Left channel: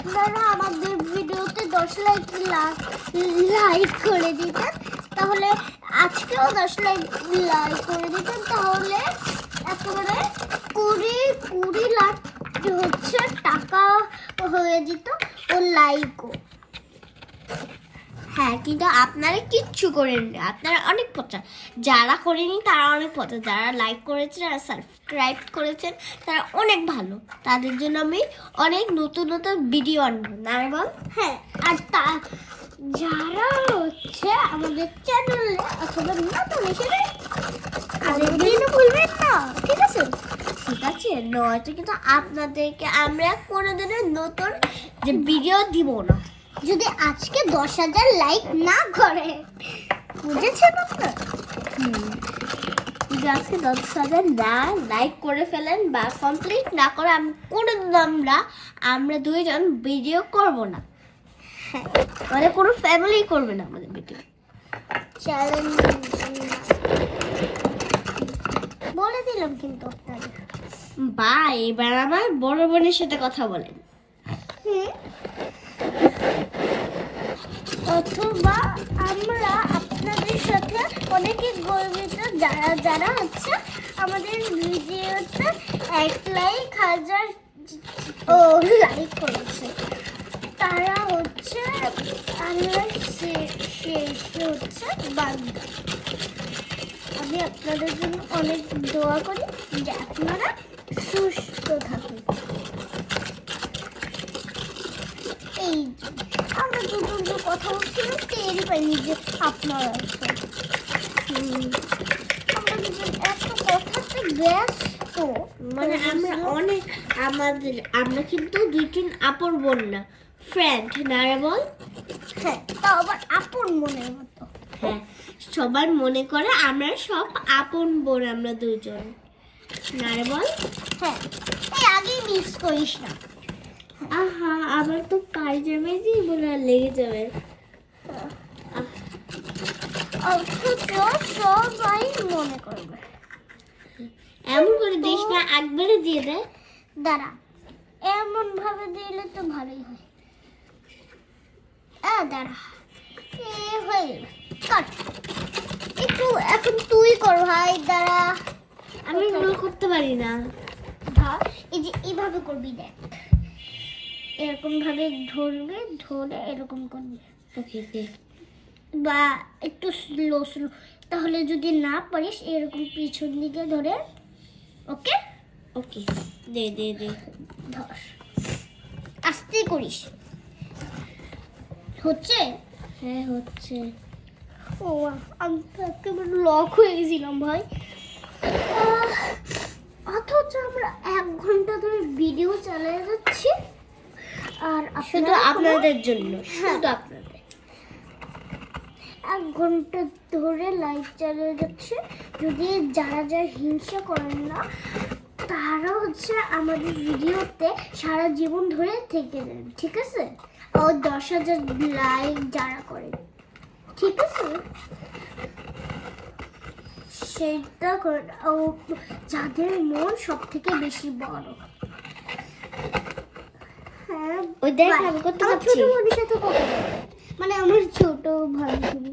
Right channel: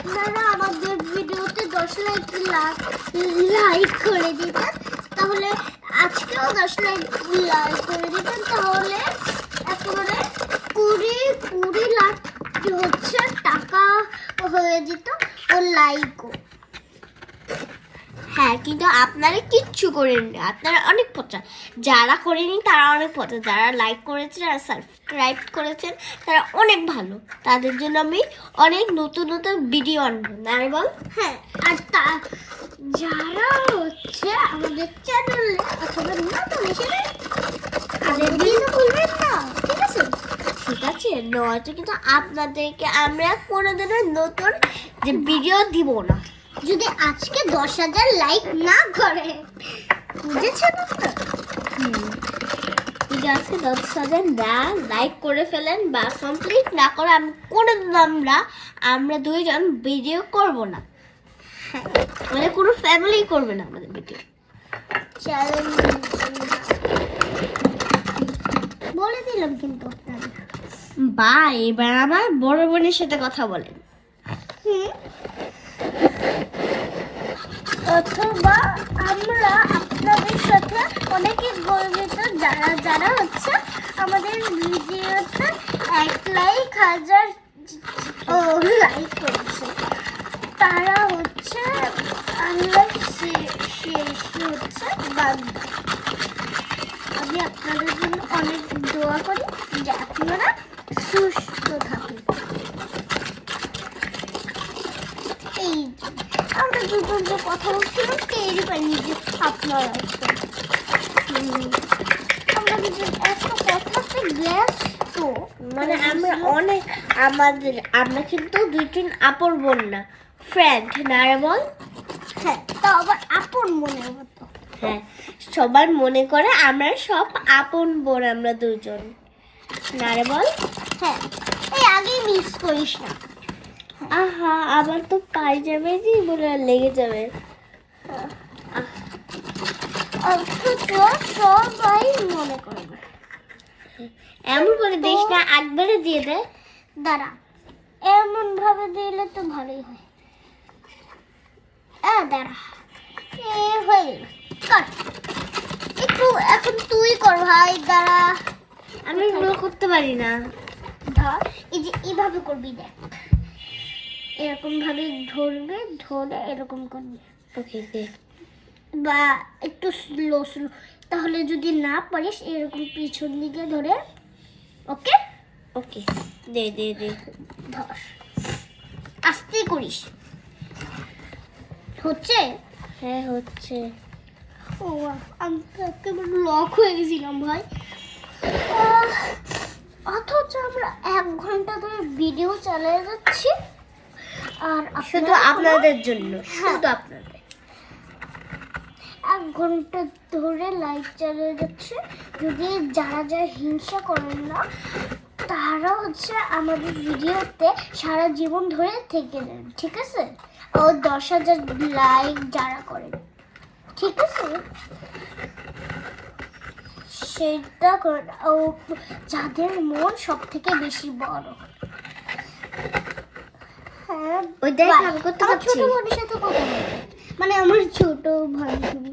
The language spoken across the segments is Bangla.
আপনারা আমাদের ভিডিওতে 10 লাইক করে দিতেন, তাহলে আজকেও 10 লাইক করে দিতেন, তাহলে একেবারে 20 লাখ হচ্ছে টাকা হয়ে যেত ও লাইকও। হ্যাঁ, কিন্তু আপনারা কিচ্ছু করেননি, আপনারা অনেক পচা। যারা করেনি তারা অনেক পচা, যারা লাইক করেছেন আর সাবস্ক্রাইব করেছেন তারা অনেক ভালো। তাদের জন্য আমি অনেক নতুন নতুন ভিডিও আনবো, না রে বল? হ্যাঁ, আর যারা হচ্ছে আমাদের চ্যানেলে অথবা নতুন এসেছে তাদের ভিডিও বলবেন না, ঠিক আছে? ঠিক আছে, নয়তো কিন্তু আপনাদেরকে আমরা কোনোদিনও নতুন যে ভিডিও দিব না। যদি আজকে 10,000 লাইক না করে, বুঝেছেন আপনারা? যদি আজকে 10,000 না লাইক করে ফেলেন বা কমপ্লিট না করে আমি কোনোদিন আমরা দুইজন ভিডিও করব না। হ্যাঁ, মানে কোনো ফ্যামিলি করবে না আমাদের ভিডিও। বলে দিলাম কিন্তু আপনারা। বা এবার আমার বড় বোনের সাথে কথা বলেন। অথবা আমরা আপনাদের সাথে অনেকে গর্বিত, যারা হচ্ছে আমাদের ভিডিওতে 1,00,000 লাইক করেছে, তারা হচ্ছে আল্লাহ হচ্ছে বান্দা। আমি আপনাদের জন্য অনেক দোয়া করি যে আপনারা সুস্থ থাকুন। এই আমরা দুজন যে কথা বলছিলাম টেরই পাইনি যে আপনারা আছেন। আমরা দুজন এত কথাতে ব্যস্ত, মানে আমরা কিন্তু দুই তিন আপন বোন না, ফ্রেন্ড, না রে বল? হ্যাঁ, তা আবার আপন মনে মতো। হ্যাঁ, সবার মনে করে আমরা সব আপন বোন, আমরা দুজন, না রে বল? হ্যাঁ, এই আগেই মিস করিস না। আহা, আবার তো পাই যাবে যে বলে লেগে যাবে। অথচ সবাই মনে করবে। এমন করে দিস না, একবারে দিয়ে দে। দাঁড়া, এমন ভাবে দিলে তো ভালোই হয়। দাঁড়া, হয়ে গেল, কর একটু। এখন তুই কর ভাই, দাঁড়া। আমি এগুলো করতে পারি না। ধর, এই যে এইভাবে করবি, দেখ এরকম ভাবে ধরবে, ধরে এরকম করবি। ওকে, বা একটু স্লো, তাহলে যদি না পারিস এরকম পিছন দিকে ধরে। ওকে ওকে, দে দে দে। ধর, আস্তে করিস। হচ্ছে? হ্যাঁ, হচ্ছে। ও, আমি তো একেবারে লক হয়ে গেছিলাম ভাই। অথচ আমরা 1 ঘন্টা ধরে ভিডিও চালিয়ে যাচ্ছি, আর শুধু আপনাদের জন্য, শুধু আপনাদের। 1 ঘন্টা ধরে লাইভ চালিয়ে যাচ্ছে। যদি যারা হিংসা করেন না, তারা হচ্ছে আমাদের ভিডিওতে সারা জীবন ধরে থেকে যাবে, ঠিক আছে? ও 10,000 লাইক যারা করেন, ঠিক আছে, সেটা করে। ও যাদের মন সব থেকে বেশি বড়। হ্যাঁ, ওই দেখ, আমি করতে পারছি। ছোট ভাবির সাথে কথা বল, মানে আমার ছোট ভাই তুমি।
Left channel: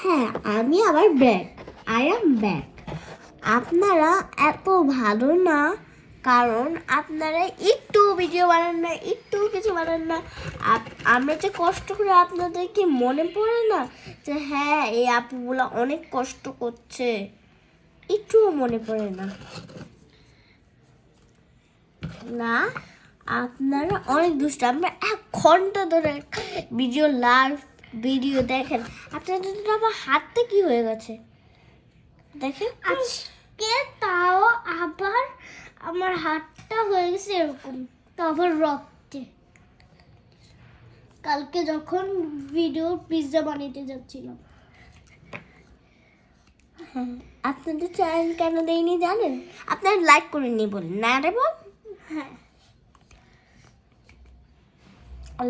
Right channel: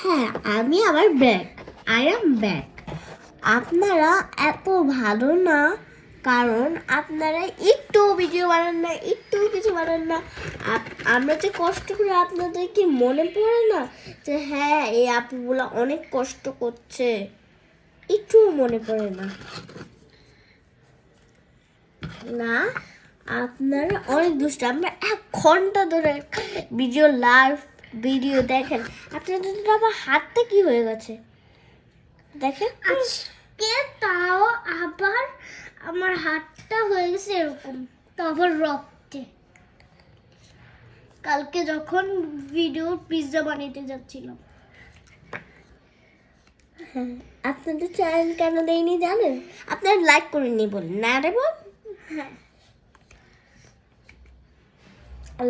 হ্যাঁ, আমি আবার ব্যাক, আই এম ব্যাক। আপনারা এত ভালো না, কারণ আপনারা একটু ভিডিও বানান না, একটু কিছু বানান না। আমরা যে কষ্ট করে, আপনাদের কি মনে পড়ে না যে হ্যাঁ, এই আপুগুলা অনেক কষ্ট করছে? একটুও মনে পড়ে না। না, আপনারা অনেক দুষ্ট। আমরা 1 ঘন্টা ধরে লাইভ ভিডিও দেখেন, আপনাদের তো আবার হাতটা কি হয়ে গেছে দেখেন। আজকে তাও আবার আমার হাতটা হয়ে গেছে এরকম, তো আবার রক্তে। কালকে যখন ভিডিও পিৎজা বানাতে যাচ্ছিলাম। আপনাদের চ্যানেল কেন দেয়নি জানেন? আপনারা লাইক করেননি বলেন, না রে বল? হ্যাঁ,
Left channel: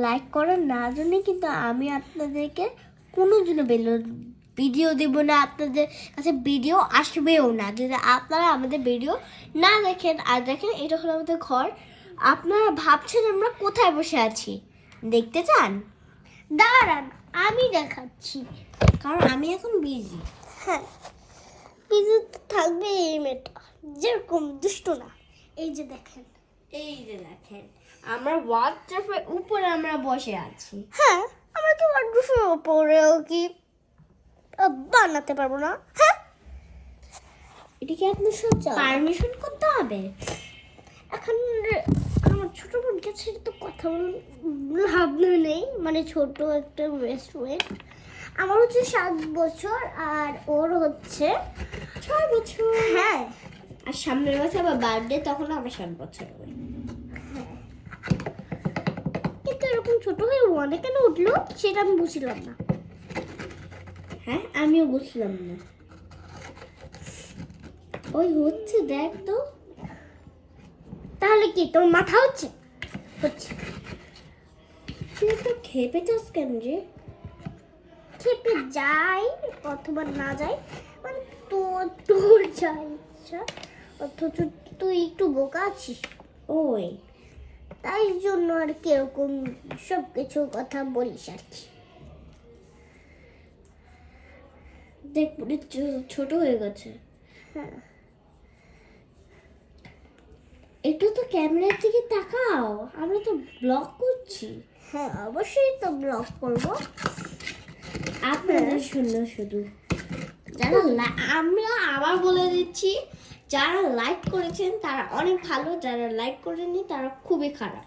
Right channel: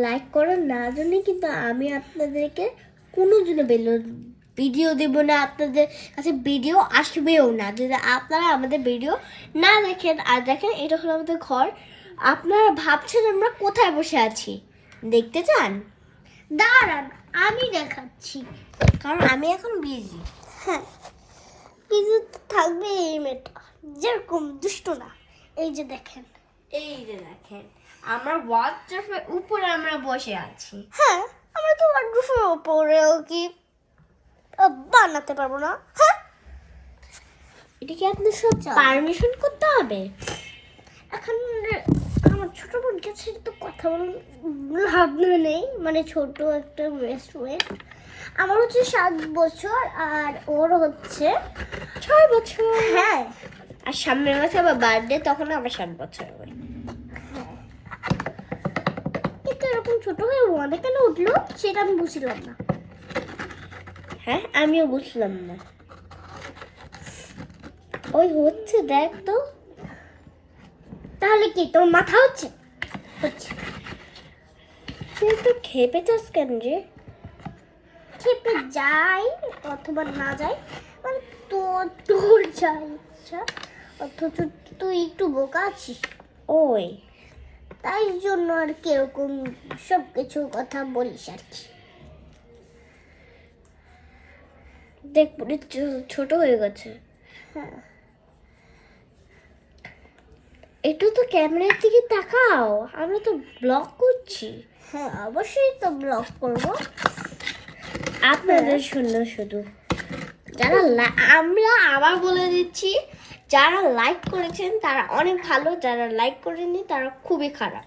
লাইক করার না জন্য কিন্তু আমি আপনাদেরকে কোনো দিনও ভিডিও দেব না, আপনাদের কাছে ভিডিও আসবেও না যদি আপনারা আমাদের ভিডিও না দেখেন। আর দেখেন এটা হলো আমাদের ঘর। আপনারা ভাবছেন আমরা কোথায় বসে আছি, দেখতে চান? দাঁড়ান আমি দেখাচ্ছি। কারণ আমি এখন বিজি। হ্যাঁ, কিছু থাকবে এই মেয়েটা, যেরকম দুষ্ট না। এই যে দেখেন, এই যে দেখেন আমরা ওয়ার্কশপের উপরে আমরা বসে আছি। হ্যাঁ আমরা কি ওয়ার্ডরোবের উপরেও কি বানাতে পারবো না? হ্যাঁ, এটা কি আপনি সব পারমিশন করতে হবে? এখন আমার ছোট বোনকে ছেড়ে তো কথা লাভ নেই, মানে ছোট একটা রেস্টুরেন্ট। আমার হচ্ছে 7 বছর আর ওর হচ্ছে 6 বছর। হ্যাঁ, আর সামনের মাসে আবার বার্থডে, তখন আবার 7 বছর হবে। কিন্তু এরকম ছোট হয়ে ওয়ানে কেন উঠলো সেটা আমি বুঝলাম না। হ্যাঁ আমিও বুঝলাম না। ওই হচ্ছে দেখ তো। তাহলে কি তোর মাথা হচ্ছে? হচ্ছে। তুই একটু খেপে যাস কেন রে? খেপে যাই অথবা না যাই, মানে তোর যাই ইচ্ছা, অথচ তুই একটু বোকা আছিস, ওই তাই জন্য আর কি এরকম সব কিছু কথা বলিস আর কি। দেখ পুরো ছোট হয়ে গেছে। হ্যাঁ, একটু তো ক্যামেরার দিকে তাকাও, আমরা তো ব্লগ করছি। হ্যাঁ অবশ্যই তো ব্লগ করবো। আপনাদের জন্য শুধু। যারা আমরা আবার বলে দিচ্ছি, যারা লাইক করেছেন তারা অনেক ভালো, যারা লাইক করেননি তারা খুবই খারাপ।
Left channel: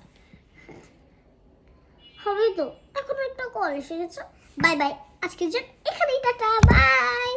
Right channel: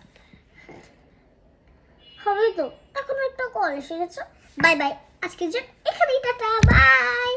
হবে তো, এখন একটা কল এসে গেছে। বাই বাই, আজকে যে এখানেই টাটা, বাই।